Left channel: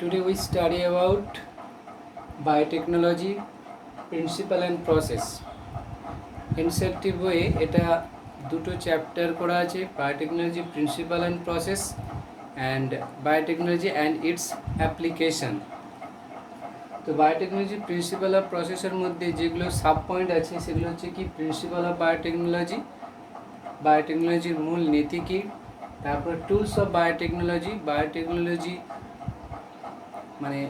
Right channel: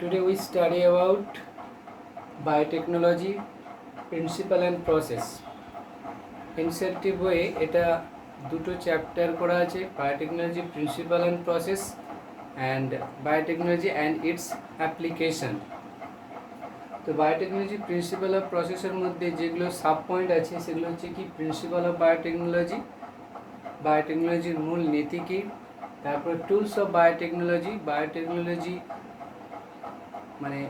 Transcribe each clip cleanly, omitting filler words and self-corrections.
Today we study about biotechnology principle and process. NCERT বইয়ে এটা দুটো চ্যাপ্টার করা আছে, biotechnology principal and process and biotechnology and it's application. তো biotechnology principal of প্রসেসের মধ্যে যেগুলো সাব পয়েন্ট আছে সেগুলো হচ্ছে কি প্রিন্সিপাল অফ বায়োটেকনোলজি, বায়োটেকনোলজির মূল নীতি কী, তারপর টুলস অফ বায়োটেকনোলজি, বায়োটেকনোলজি মানে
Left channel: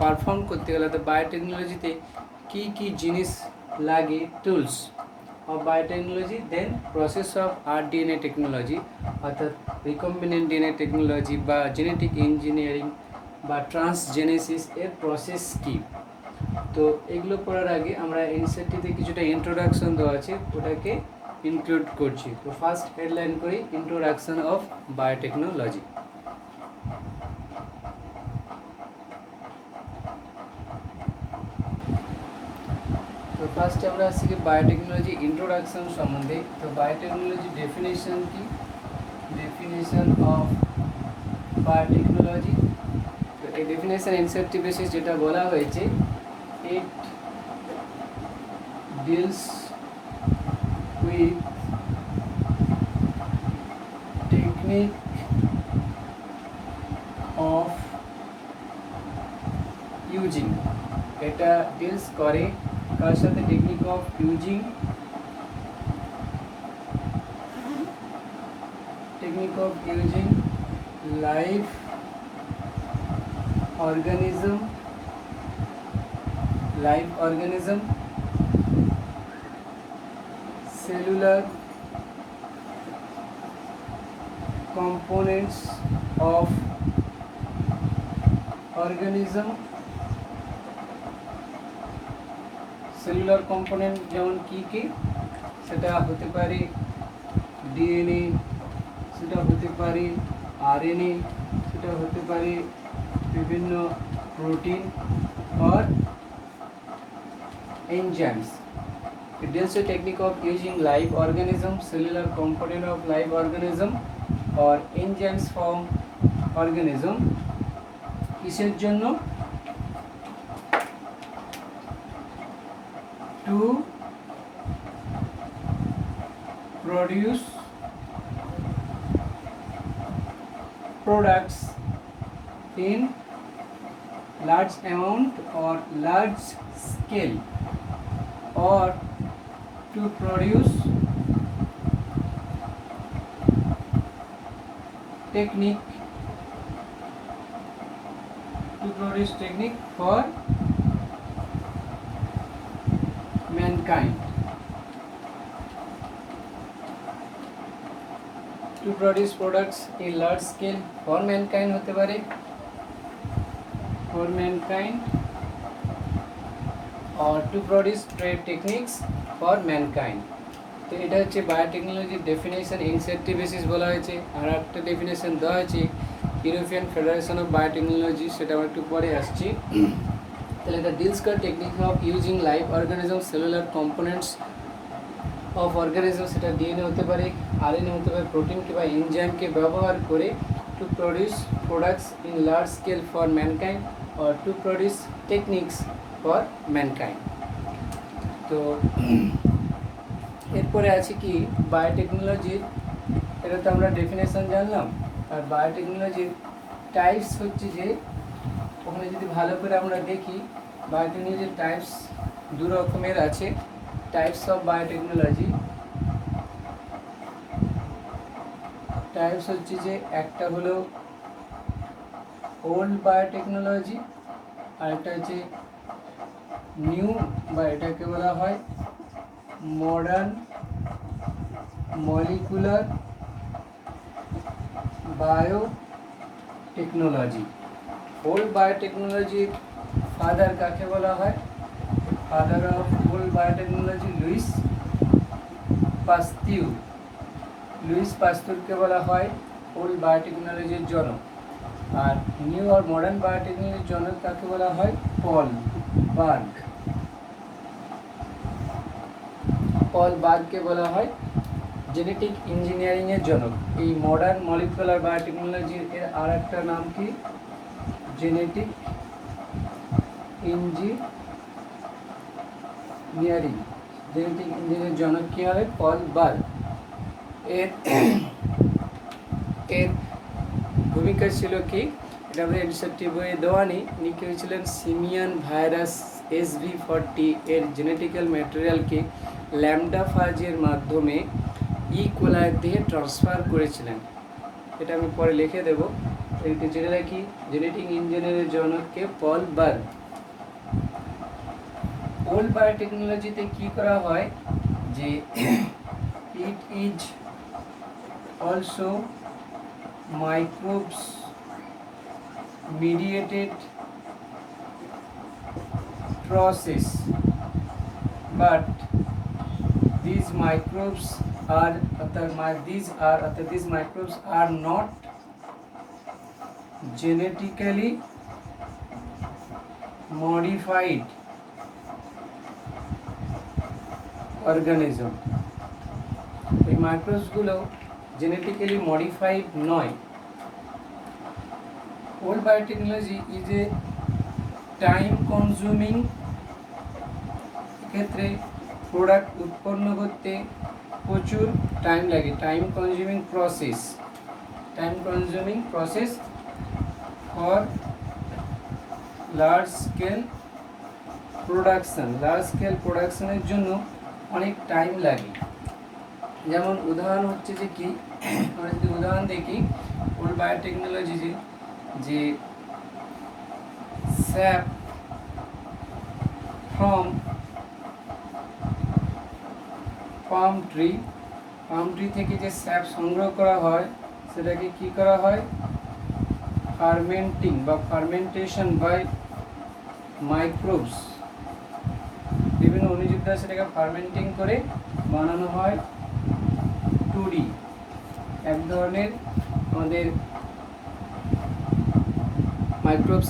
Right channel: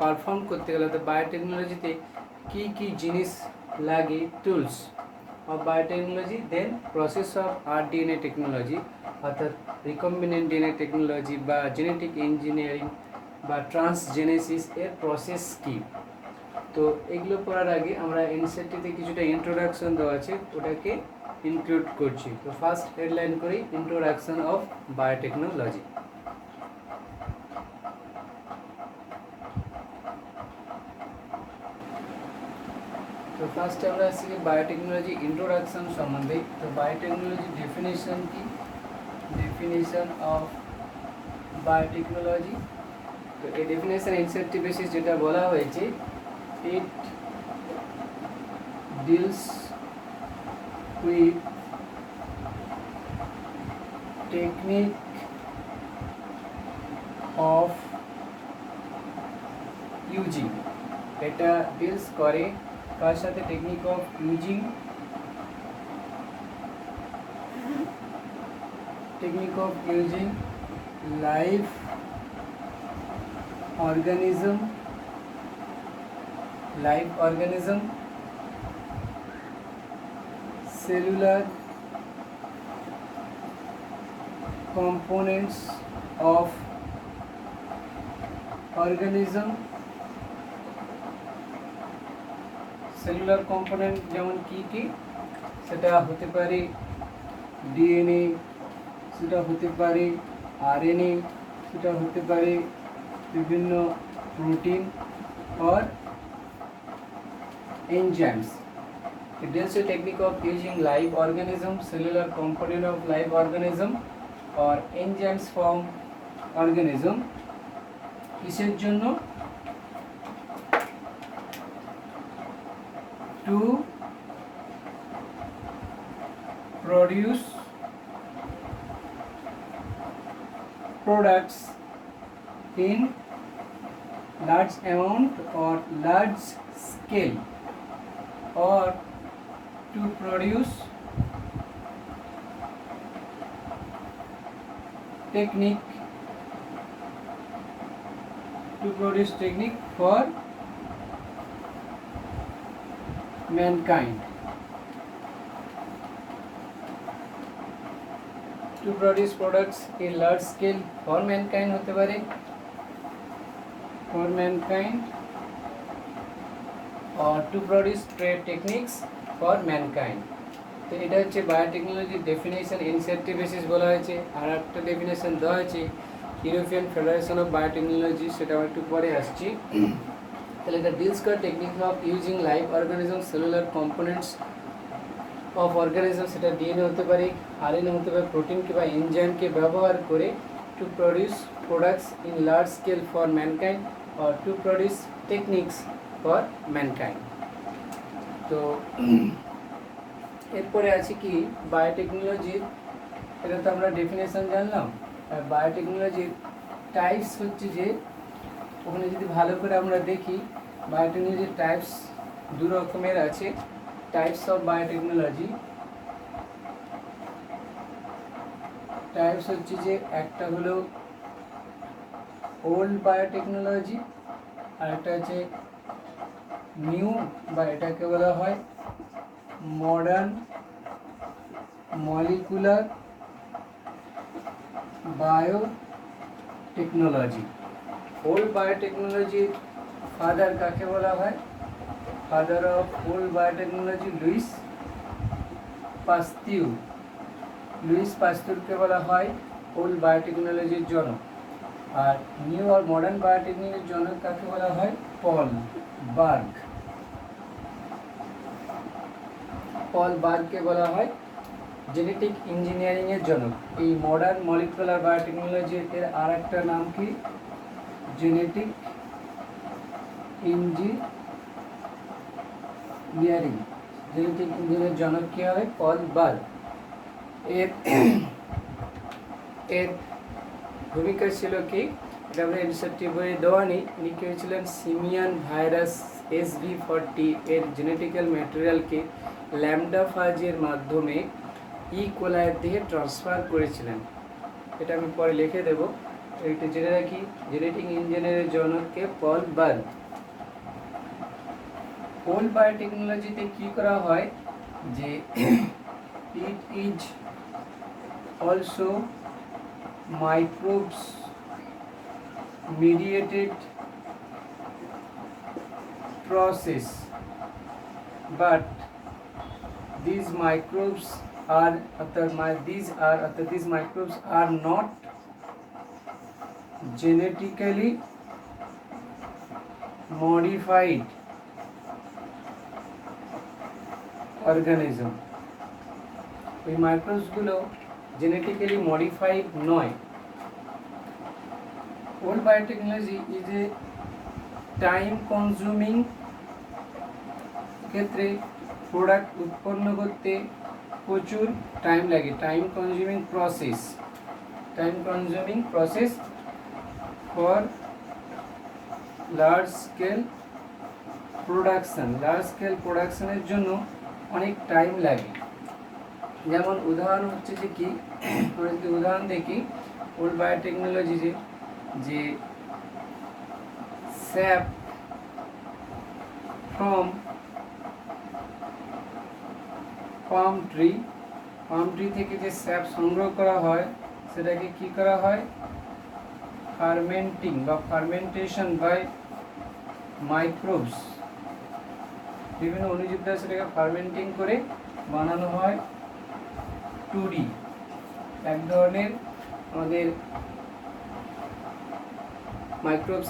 পারফর্ম করতে গেলে তো বায়োটেকনোলজিতে কী কী জিনিস লাগে, tools of biotechnology, then process of rDNA technology অর্থাৎ রিকম্বিনেন্ট ডিএনএ টেকনোলজি বা জেনেটিক ইঞ্জিনিয়ারিং বা ট্রান্সজেনেসিস এর প্রসেস কী। তো এগুলো পড়ার আগে আমরা এনসিইআরটিতে কিছুটা ইন্ট্রোডাকশন দেওয়া আছে, ওটাকে ইনক্লুড করছি। তো ফার্স্ট হেডলাইন করি, ইন্ট্রোডাকশন অফ বায়োটেকনোলজি। তো ফার্স্টে আমরা আসছি বায়োটেকনোলজি ইন্ট্রোডাকশন সম্বন্ধে। তো বায়োটেকনোলজি ডেফিনেশন কি, ডেফিনেশন অফ বায়োটেকনোলজি। তো এই ডেফিনেশন এনসিইআরটি বেসিস যেটা বলা হয়েছে, it deals with technique of using, এটা ডিলস করে কার সাথে, technique of using, technique of using live organism, live organism, cellular components of organism, cellular component যেমন কী কী, সেটা হতে পারে ডিএনএ, সেটা হতে পারে আরএনএ, সেটা হতে পারে বিভিন্ন প্রোটিন और enzymes. It deals with technique of using live organism, cellular component of live organism or enzymes from organism কিসের জন্য, to produce products in large amount or large scale or to produce technique for mankind, to produce products in large scale for mankind होते पारे, for mankind or to produce trade techniques for mankind। তো এটা হচ্ছে বায়োটেকনোলজির definition, NCERT basis বলা হয়েছে। আর একটা definition দেওয়া হয়েছে ইউরোপিয়ান ফেডারেশন অফ বায়োটেকনোলজি, সেটা আমি একটু পরে আসছি। তাহলে এটা ডিলস করে technique of using live organism, cellular components of organism, সেটা ডিএনএ হতে পারে, আরএনএ হতে পারে, প্রোটিন কিংবা এনজাইমকে ব্যবহার করে to produce products in large scale for mankind or to produce techniques for mankind. তো এরপরে আছে কি বায়োটেকনোলজির, এটা তো আমরা ডেফিনেশন জানলাম। আর বায়োটেকনোলজির টাইপস হচ্ছে যে, ওখানে যদি ভালো করে আমরা দেখি বায়োটেকনোলজির টাইপস দু রকমের আছে। টাইপস অফ বায়োটেকনোলজি, টাইপস হচ্ছে যে একটা হলো ওল্ড বায়োটেকনোলজি আর একটা হচ্ছে নিউ, বা এটাকে বলা হয় মডার্ন মলিকুলার বায়োটেকনোলজি। ওল্ড বায়োটেকনোলজির ফাদার কাকে বলা হয়, father of old biotechnology Louis Pasteur, Louis পাস্তিউরকে বলা হয় ওল্ড বায়োটেকনোলজির জনক। আর নিউ আর মডার্ন বায়োটেকনোলজির জনক কাকে বলা হয়, পল বার্গ, পল বার্গকে বলা হয় জেনেটিক ইঞ্জিনিয়ারিংয়ের জনক। এই মডার্ন মলিকুলার বায়োটেকনোলজির এর আর একটা নাম কি, জেনেটিক ইঞ্জিনিয়ারিং। জেনেটিক ইঞ্জিনিয়ারিং জনক কী হবে? পল বার্গ। এর এর ভূমিকা ছিল কি? এটা আমরা এনসেপ্টিভ বইয়ে দেওয়া নেই। ইনি হয়েছিলেন সিমিয়ান ভাইরাস SV40 এর জেনেটিক্যাল ম্যাটেরিয়ালকে ল্যামডা ফাজের মাধ্যমে কোলাই দিয়ে ট্রান্সফার করেছিলেন। এটা আমি পরে লিখে দেবো, এটা জেনে রাখি। জেনেটিক ইঞ্জিনিয়ারের জনককে পল বার্গ। ওল্ড বায়োটেকনোলজিতে কী করা হয় যে it is also microbes mediated process, but these microbes are not genetically modified organism. এই মাইক্রোবসগুলো জেনেটিক্যালি মডিফাইড নয়। Old biotechnology is a time consuming, ক্ষেত্রে প্রোডাক্ট উৎপন্ন করতে প্রচুর টাইম লাগে। Time consuming process for large scale প্রোডাকশনের জন্য অনেক টাইম লাগে। যেমন উদাহরণ হচ্ছে যে কি, আমরা যদি উদাহরণ দেখি ওল্ড বায়োটেকনোলজি যে স্যাপ ফ্রম পাম ট্রি থেকে যে স্যাপ সংগ্রহ করা হয় সেটাকে কি করা হয়? Fermentation by microbes. বিভিন্ন অণুজীব দ্বারা সেটাকে ফার্মেন্টিং করে বানানো হয় টুডি। এক ধরনের আমাদের microbes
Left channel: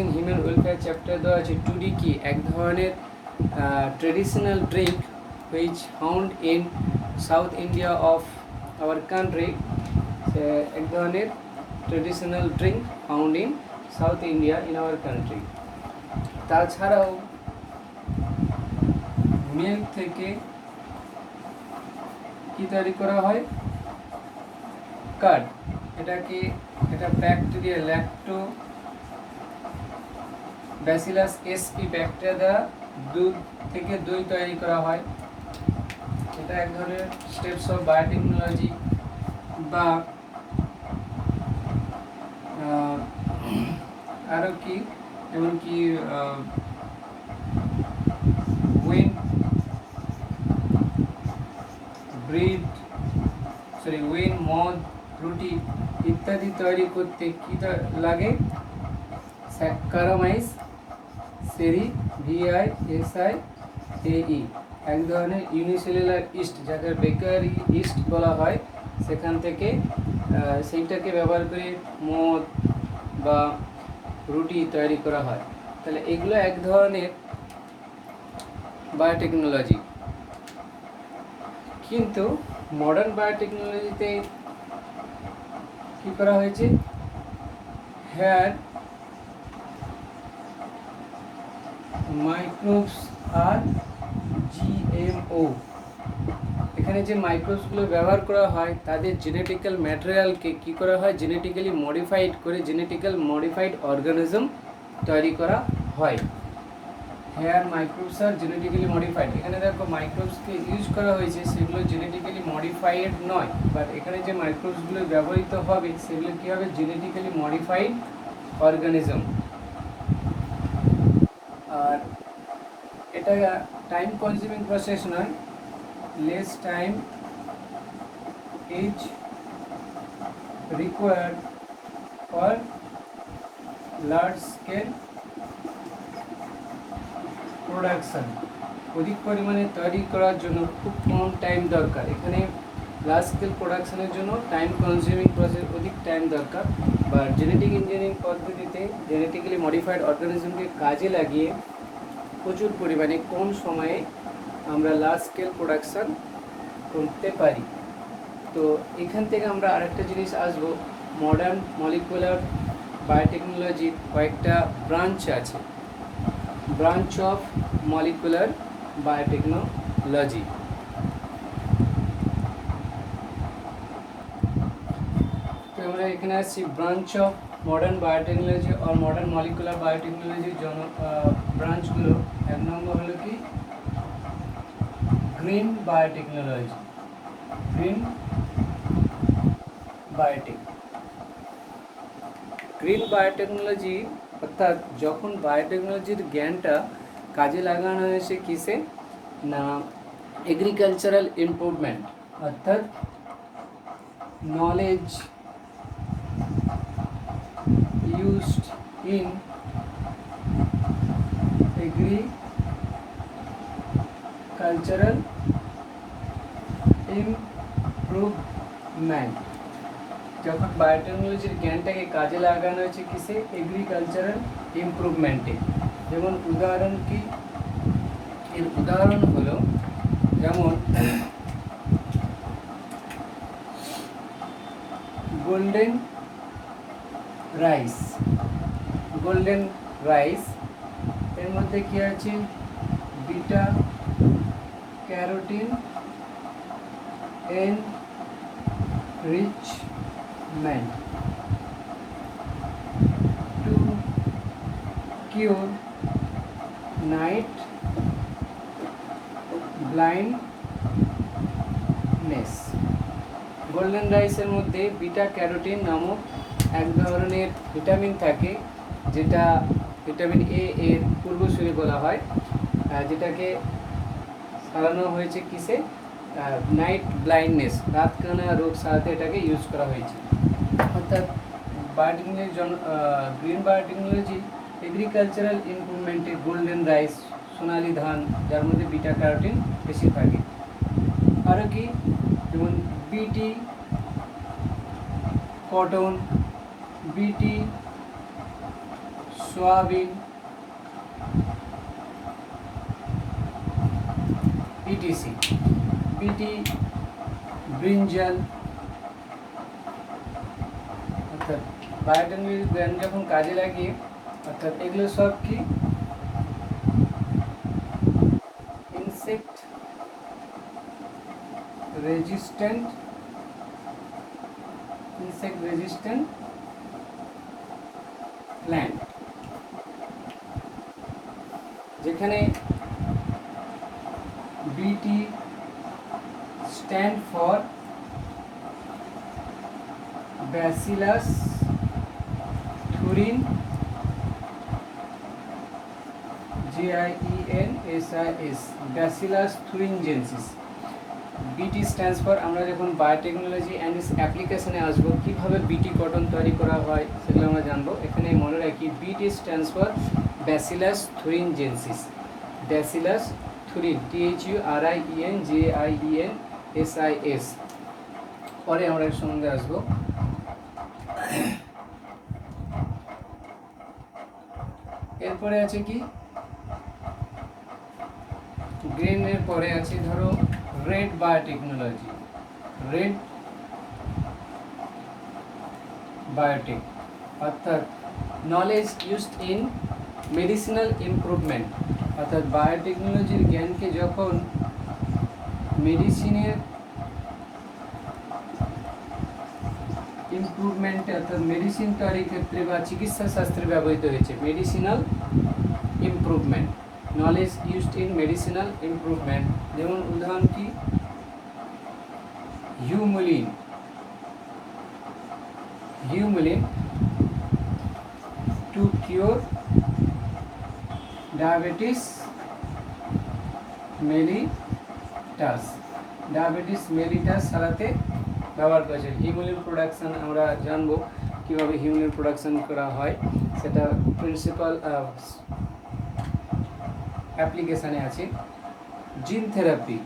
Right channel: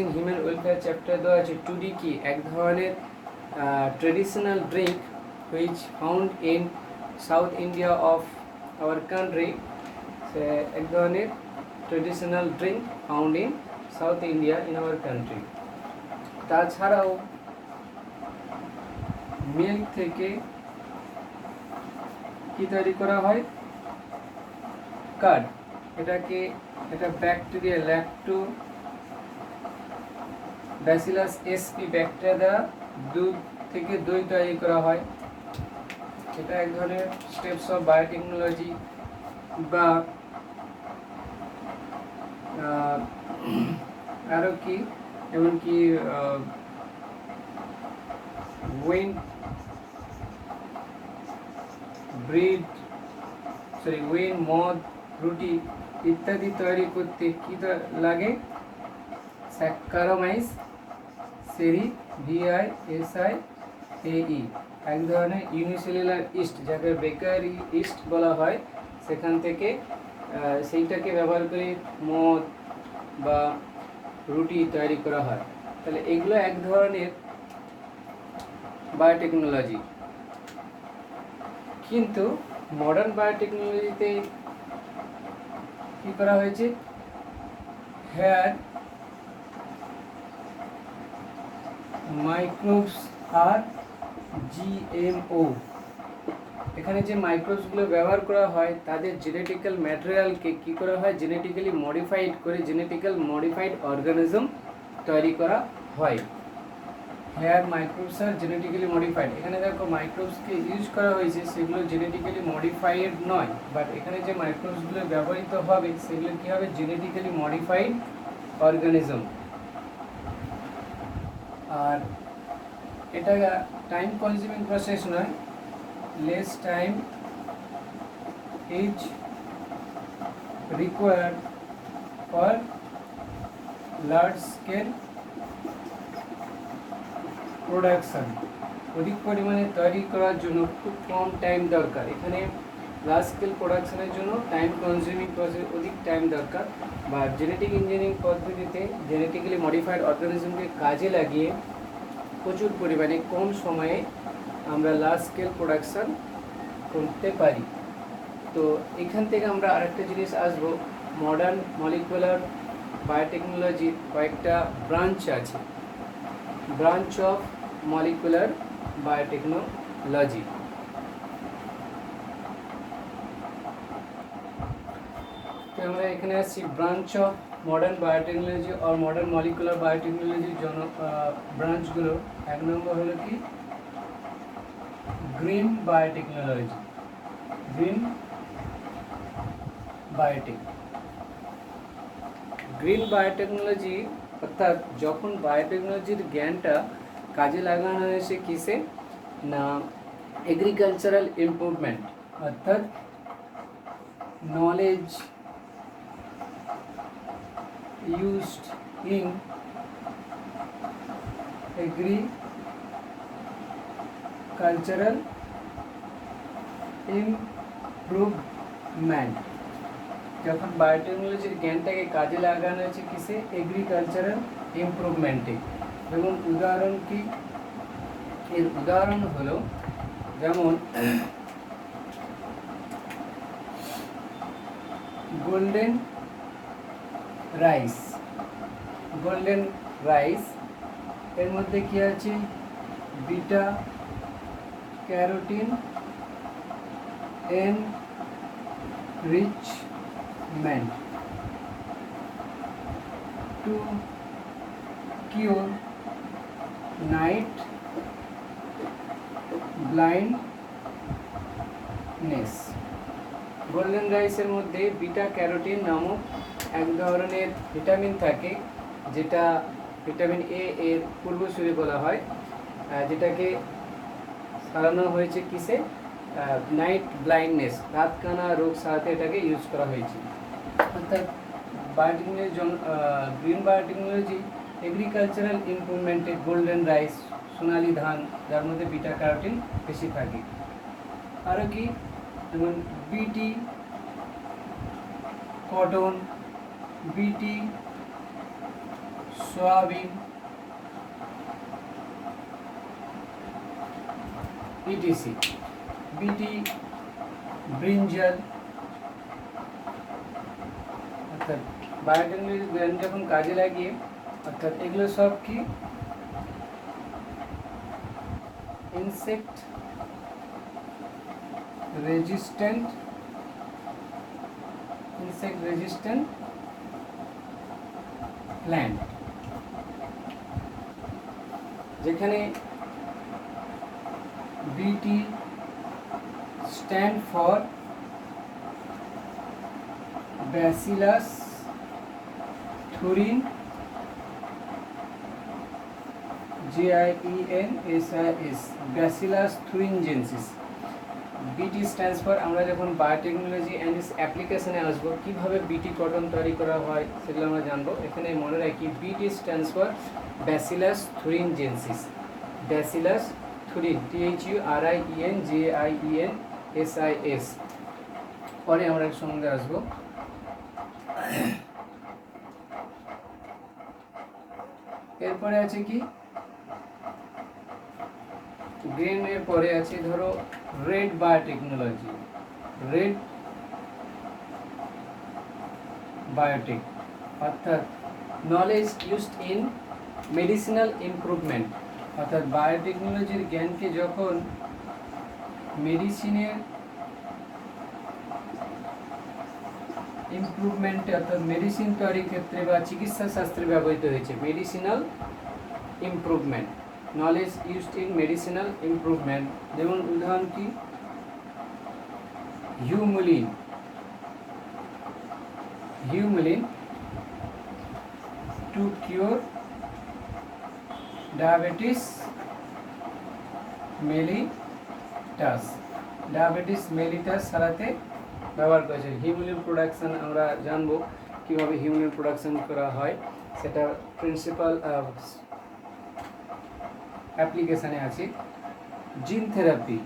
in human welfare chapter দেওয়া আছে। টুডি কি? এক ধরনের traditional drink which found in south India of our country. এক ধরনের traditional drink found in south India in our country. তাছাড়াও মিল্ক থেকে কি তৈরি করা হয়? কার্ড। এটা ব্যাকটেরিয়া ল্যাক্টোব্যাসিলাস এসপি ব্যাকটেরিয়া দ্বারা দুধ থেকে দই তৈরি করা হয়। এটা এক ধরনের স্টেপস অফ বায়োটেকনোলজি। বা আরও কি, এমনকি মদ, রুটি ইত্যাদি তৈরি করতে কি লাগে? স্যাক্কারোমাইজ VISIAE, এক ধরনের ইউনিসেলুলার ইস্ট, যাকে বেকারি ইস্ট বলা হয়। সেখান থেকে সেইটাকে ব্যবহার করে মদ বা রুটি তৈরি করা হয়। তাহলে এগুলো এক ধরনের বায়োটেকনোলজি। কিন্তু মডার্ন বায়োটেকনোলজিতে কি করা হয়েছে? হেয়ার মাইক্রোবস আর GMO। এখানে যে মাইক্রোবসগুলো ব্যবহার করা হয় তাদের জেনেটিক্যাল ম্যাটেরিয়ালকে কি করা হয়? জেনেটিক্যালি মডিফাইড করে জেনেটিক্যাল মডিফাইড অর্গানিজম তৈরি করা হয়। হেয়ার মাইক্রোবস আর জেনেটিক্যালি মডিফাইড। এখানে দেখো মাইক্রোবসকে ইউজ করা হয়েছে, সেগুলো জেনেটিক্যালি মডিফাইড নয়, বাট এখানে যে মাইক্রোবসগুলো ব্যবহৃত হবে সেগুলো কী হবে? Genetically modified organism. আর এটা টাইম কনজিউমিং প্রসেস নয়, less time is required for large scale production. অধিক পরিমাণে তৈরি করার জন্য খুব কম টাইম দরকার। এখানে লার্জ স্কেল প্রোডাকশনের জন্য টাইম কনজিউমিং প্রসেস, অধিক টাইম দরকার। বা জেনেটিক ইঞ্জিনিয়ারিং পদ্ধতিতে জেনেটিক্যালি মডিফাইড অর্গানিজমকে কাজে লাগিয়ে প্রচুর পরিমাণে কম সময়ে আমরা লার্জ স্কেল প্রোডাকশন করতে পারি। তো এখান থেকে আমরা আরেকটা জিনিস আসবো, মডার্ন মলিকুলার বায়োটেকনোলজির কয়েকটা ব্রাঞ্চ আছে। Branch of molecular biotechnology. তো আমরা এখানে আসছি ব্রাঞ্চ অফ মডার্ন বায়োটেকনোলজি আর মডার্ন মলিকুলার বায়োটেকনোলজির ব্রাঞ্চগুলো। এক নম্বর হলো কি green biotechnology. Green biotech, green biotechnology অর্থাৎ যখন বায়োটেকনোলজির জ্ঞানটা কাজে লাগানো হয়েছে কিসে না এগ্রিকালচারাল ইমপ্রুভমেন্ট, অর্থাৎ knowledge used in agricultural improvement। যখন বায়োটেকনোলজির জ্ঞানটাকে কাজে লাগানো হয়েছে কিসে এগ্রিকালচারাল ইমপ্রুভমেন্টে। যেমন উদাহরণ কি, এর উদাহরণ হলো যেমন গোল্ডেন রাইস। গোল্ডেন রাইস এর মধ্যে কি আছে beta carotene enrichment to cure night blindness। Golden রাইসের মধ্যে বিটা ক্যারোটিন নামক এক ধরনের ভিটামিন থাকে, যেটা ভিটামিন এ এর পূর্বসূরি বলা হয়, যেটাকে সারানো হয়েছে কিসে নাইট ব্লাইন্ডনেস, রাতকানা রোগ সারাতে এটাকে ইউজ করা হয়েছে। অর্থাৎ বায়োটেকনোলজি গ্রিন বায়োটেকনোলজি এগ্রিকালচারাল ইমপ্রুভমেন্টে গোল্ডেন রাইস, সোনালি ধান, যার মধ্যে বিটা ক্যারোটিন বেশি থাকে। আরও কি যেমন বিটি কটন, বিটি সোয়াবিন, ইটিসি, বিটি ব্রিঞ্জাল। অর্থাৎ বায়োটেকনোলজি জ্ঞান যখন কাজে লাগিয়ে, অর্থাৎ এগুলো সব কি ইনসেক্ট রেজিস্ট্যান্ট প্ল্যান্ট, যেখানে BT stand for Bacillus thuringiensis JIENSIS, Bacillus thuringiensis. BT stands for, আমরা যখন বায়োটেকনোলজি অ্যান্ড ইটস অ্যাপ্লিকেশনে আসবো, কীভাবে বিটি কটন তৈরি করা হয় সেগুলো আমরা জানবো। এখানে মনে রাখি BT stands for Bacillus thuringiensis. Bacillus thuringiensis, THURINJIENSIS। পরে আমরা এর সম্বন্ধে আসবো। এরপরে আছে কি গ্রিনের পরে আছে ধরো রেড বায়োটেকনোলজি। রেড বায়োটেক অর্থাৎ knowledge used in medicinal improvement. অর্থাৎ বায়োটেকনোলজির জ্ঞানকে যখন মেডিসিনের ইমপ্রুভমেন্টে, অর্থাৎ মেডিসিন তৈরির ক্ষেত্রে বা চিকিৎসা শাস্ত্রে ব্যবহৃত হয়েছে। Medicinal improvement, knowledge used in medicinal improvement. যেমন উদাহরণ কি Humulin. Humulin to cure diabetes mellitus. Diabetes mellitus সারাতে ব্যবহার করেছে। হিউমুলিন প্রোডাকশন আমরা জানবো কীভাবে হিউমুলিন প্রোডাকশন করা হয়, সেটা প্রিন্সিপাল অ্যাপ্লিকেশানে আছে। Gene therapy.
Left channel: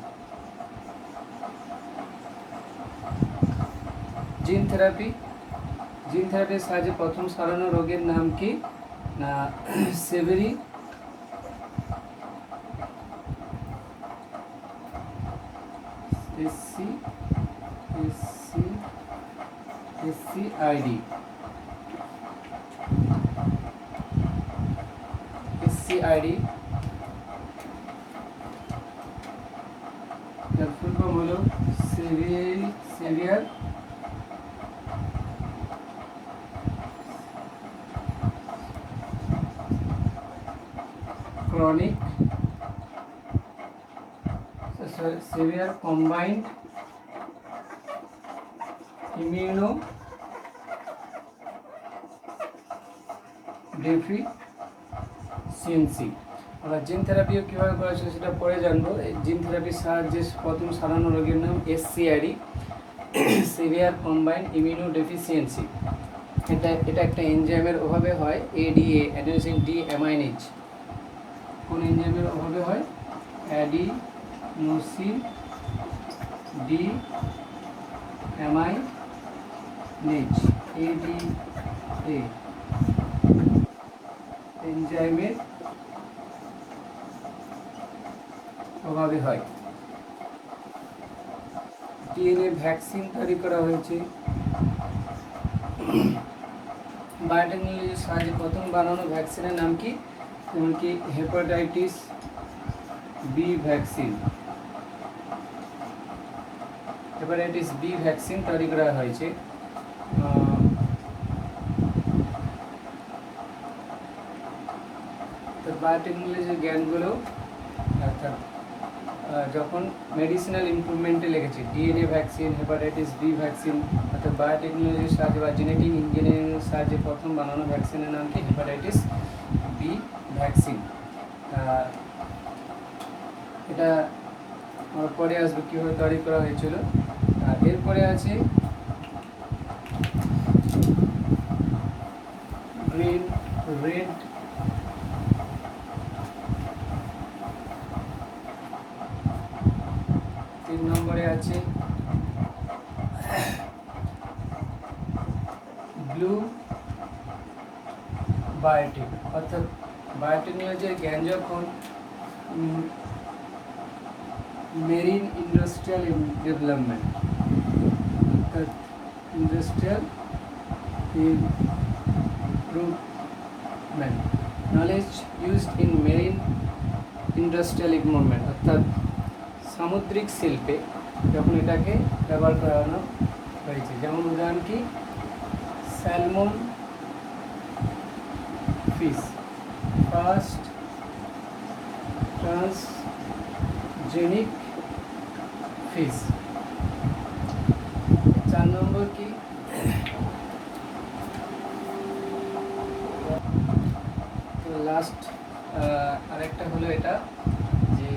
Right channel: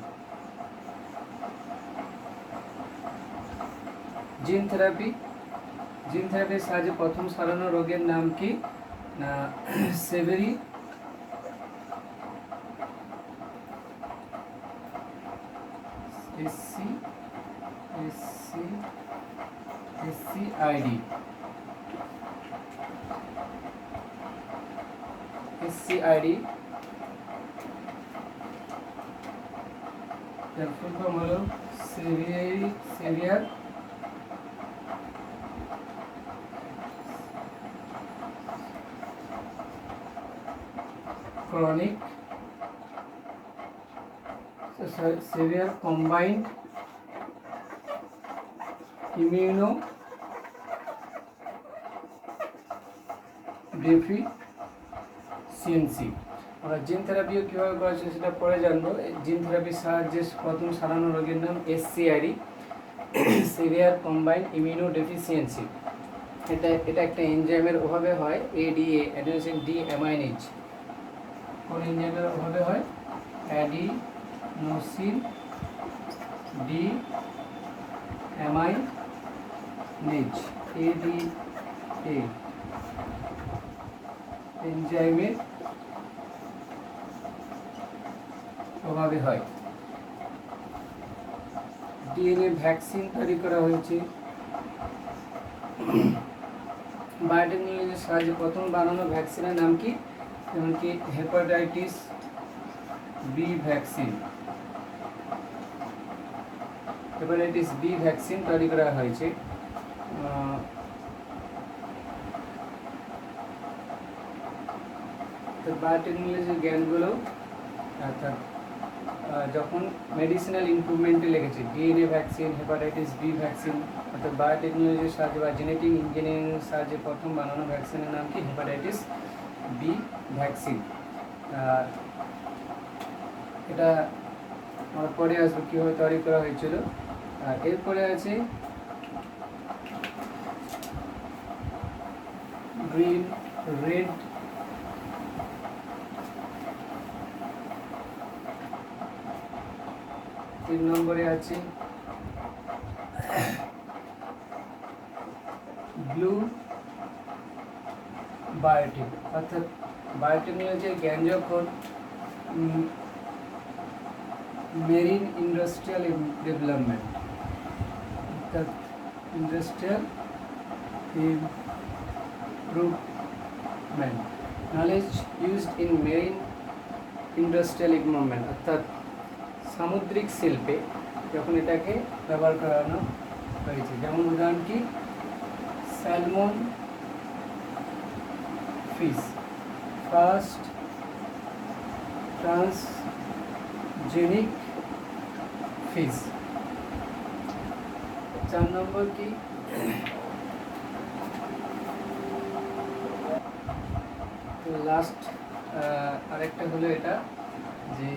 জিন থেরাপি, জিন থেরাপির সাহায্যে প্রথম সারানো রোগের নাম কি না সেভেরি SCID SCID, এর ফুল ফর্ম হলো severe chronic severe combined immunodeficiency। আমরা জিন থেরাপিও কীভাবে করেছে সেটা পরে জানবো। জিন থেরাপির সাহায্যে প্রথম সারানো রোগের নাম SCID, সিভিয়ার কম্বাইন্ড ইমিউনোডেফিসিয়েন্সি। এটা একটা এনজাইমের অভাবে হয়, ADA, অ্যাডিনোসিন ডিঅ্যামাইনেজ। কোন এনজাইমের অভাবে হয়? অ্যাডিনোসিন ডিঅ্যামাইনেজ, ADA এনজাইমের অভাবে হয়। ডিএনএ ভ্যাকসিন তৈরি করা হয়েছে। বায়োটেকনোলজির সাহায্যে প্রথম বানানো ভ্যাকসিনের নাম কি? যেমন কি hepatitis B vaccine, hepatitis B vaccine তৈরি করা হয়েছে। তো বায়োটেকনোলজির জ্ঞানগুলো অর্থাৎ যখন মেডিসিনাল ইমপ্রুভমেন্টে লেগেছে, DNA vaccine, hepatitis B vaccine, অর্থাৎ বায়োটেকনোলজির সাহায্যে বা জেনেটিক ইঞ্জিনিয়ারিংয়ের সাহায্যে প্রথম বানানো ভ্যাকসিনের নাম কি? Hepatitis B vaccine. এটা আমার পরে আসবে কীভাবে তৈরি করা হয়েছিল। আর এরপরে আছে গ্রিন, রেড, তিন নম্বরে আছে ব্লু বায়োটিক। অর্থাৎ বায়োটেকনোলজির জ্ঞান যখন মেরিন ইন্ডাস্ট্রিয়াল ডেভেলপমেন্ট, অর্থাৎ industrial improvement, knowledge used in marine industrial development, অর্থাৎ সামুদ্রিক শিল্পে যখন এটাকে ব্যবহার করানো হয়েছে। যেমন উদাহরণ কি? Salmon fish, first transgenic fish. 4 নম্বর কি? লাস্ট আরেকটা হলো এটা যে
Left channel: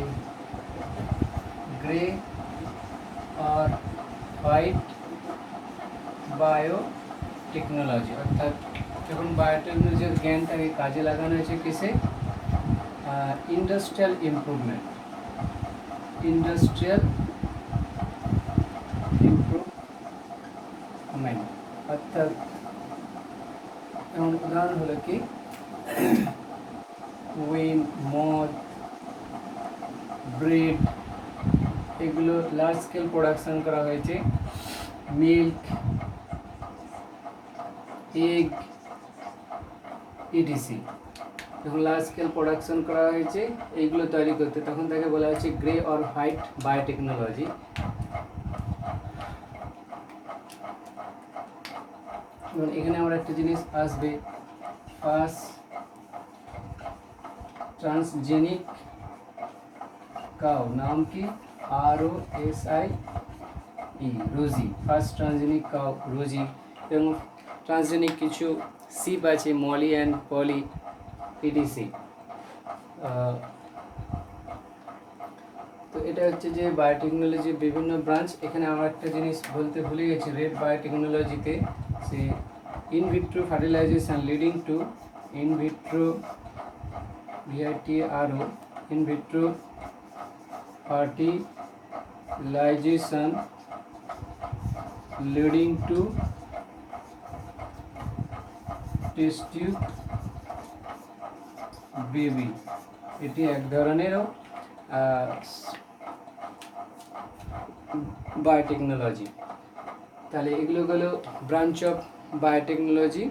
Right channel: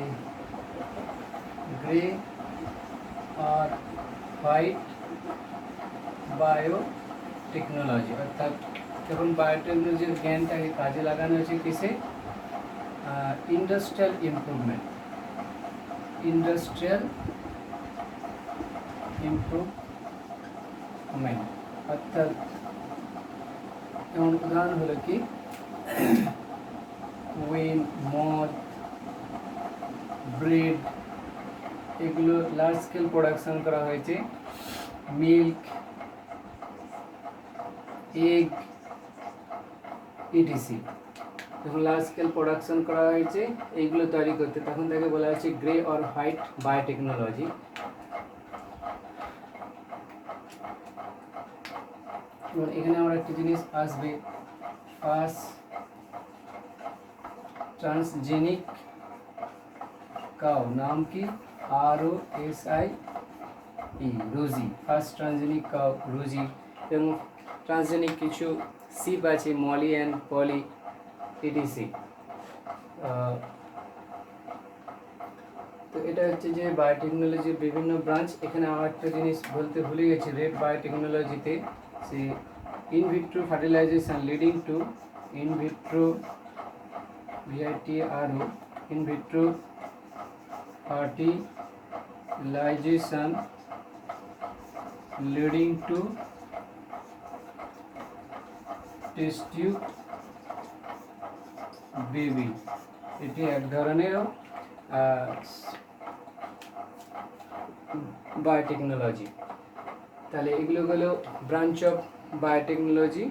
গ্রে আর হোয়াইট বায়োটেকনোলজি, অর্থাৎ যখন বায়োটেকনোলজির জ্ঞানটাকে কাজে লাগানো হয়েছে কিসে? Industrial improvement, industrial improvement. অর্থাৎ যেমন উদাহরণ হলো কি? ওয়েন, মদ, ব্রেড, এগুলো লার্জ স্কেল প্রোডাকশন করা হয়েছে। মিল্ক, এগ, ইটিসি যখন লার্জ স্কেল প্রোডাকশন করা হয়েছে এইগুলো তৈরি করতে, তখন তাকে বলা হচ্ছে গ্রে অর হোয়াইট বায়োটেকনোলজি। এখানে আমার একটা জিনিস আসবে, ফার্স্ট ট্রান্সজেনিক কাউ, নাম কি? ROSI, রোজি, ফার্স্ট ট্রান্সজেনিক কাউ রোজি। এবং ট্রান্সজেনিক কিছু শিপ আছে, মলি অ্যান্ড পলি, ইটিসি। তো এটা হচ্ছে যে বায়োটেকনোলজির বিভিন্ন ব্রাঞ্চ। এখানে আমার একটা জিনিস বলতে ভুলে গেছি, রেড বায়োটেকনোলজিতে সে in vitro fertilization leading to in vitro VITRO, in vitro fertilization leading to test tube baby. এটি এক ধরনের বায়োটেকনোলজি। তাহলে এগুলো হলো ব্রাঞ্চ অফ বায়োটেকনোলজি।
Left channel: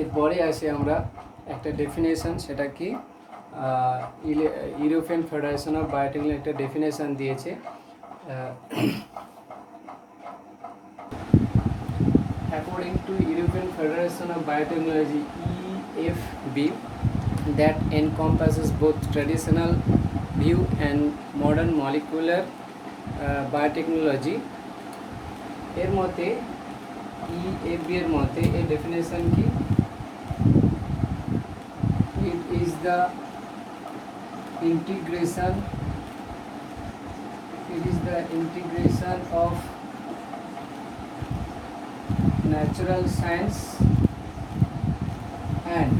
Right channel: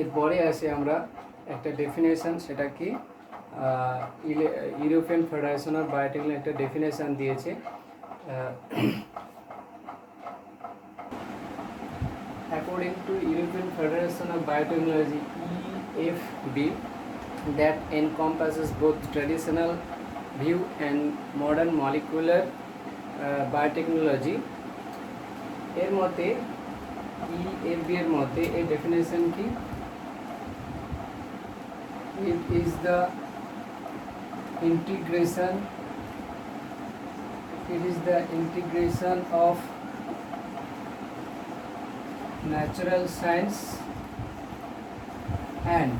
এরপরে আসে আমরা একটা ডেফিনেশন, সেটা কি? ইউরোপিয়ান ফেডারেশন অফ বায়োটেকনোলজি একটা ডেফিনেশন দিয়েছে। According to European Federation of Biotechnology (EFB), that encompasses both traditional view and modern molecular biotechnology. এর মতে EFB এর মতে এই ডেফিনেশন কি? It is the integration of natural science and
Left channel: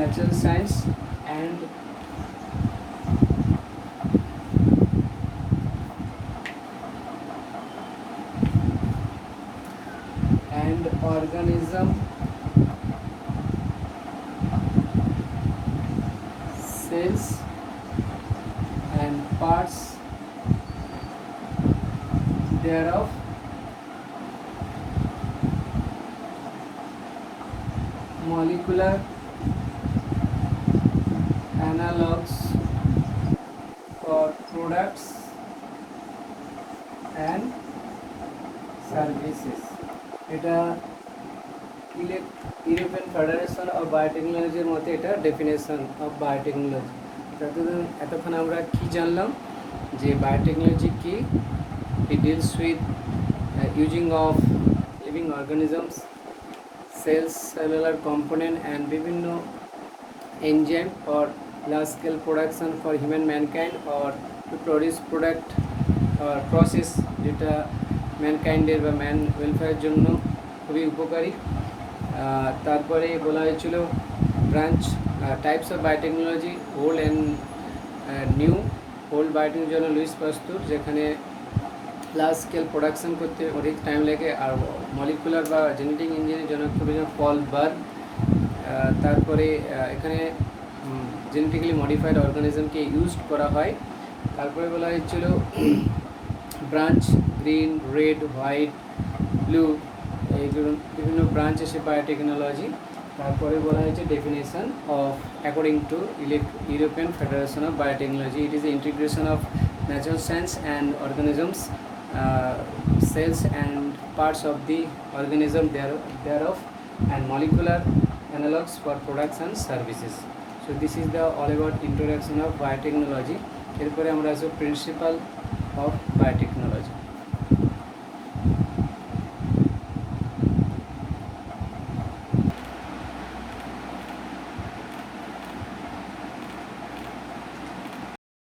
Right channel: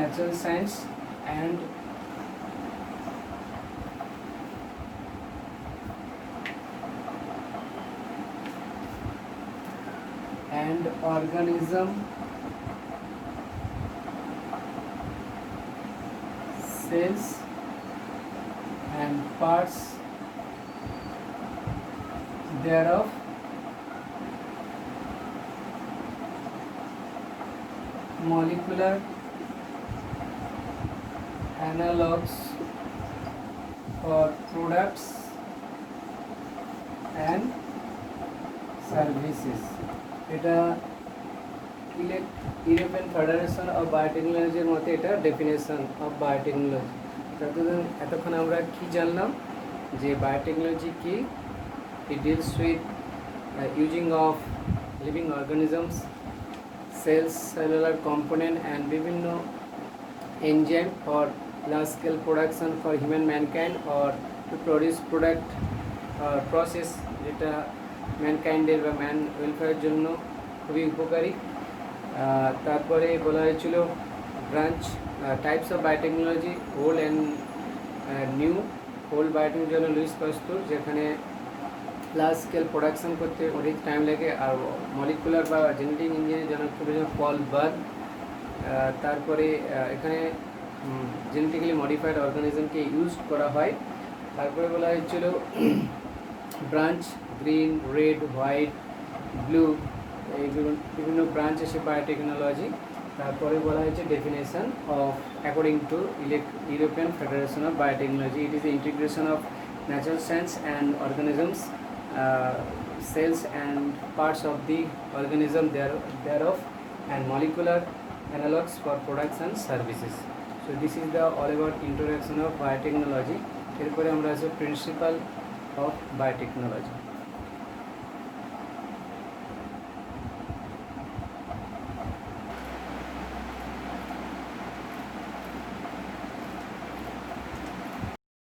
natural science and organism cells and parts thereof, molecular analogs for products and services. এটা European federation of বায়োটেকনোলজির মতে এটা definition of biotechnology. এতক্ষণ আমরা কি জানলাম যে বায়োটেকনোলজি কি? It deals with using of living organisms, cells, cellular component and বিভিন্ন enzyme or large scale production for human mankind or to produce product or process যেটা ম্যানকাইন্ডের বা ম্যান ওয়েলফেয়ারের জন্য খুবই উপকারী। তারপরে বলা হয়েছিল branch types of biotechnology, old and new. Old biotechnology জন্য লুইস পাস্তুর, যেখানে লার্জ স্কেল প্রোডাকশন করতে অধিক টাইম লাগে, আর মলিকুলার বা জেনেটিক ইঞ্জিনের জন্য খুবই পল বার্গ। তারপরে এখানে জেনেটিক্যালি মডিফাইড অর্গানিজমকে ইউজ করা হয়। তারপরে বলা হয়েছিল branch, green, red, white, blue, এইগুলো বিভিন্ন ব্রাঞ্চ এসে বায়োটেকনোলজি। তারপরে বলা হয়েছে definition of according to European federation of biotechnology, it is integration of natural science and organisms, cells and parts of the organism thereof, and molecular analogs for products and services. So this is the all about introduction of biotechnology. এরপরে আমরা আসবো principal of biotechnology.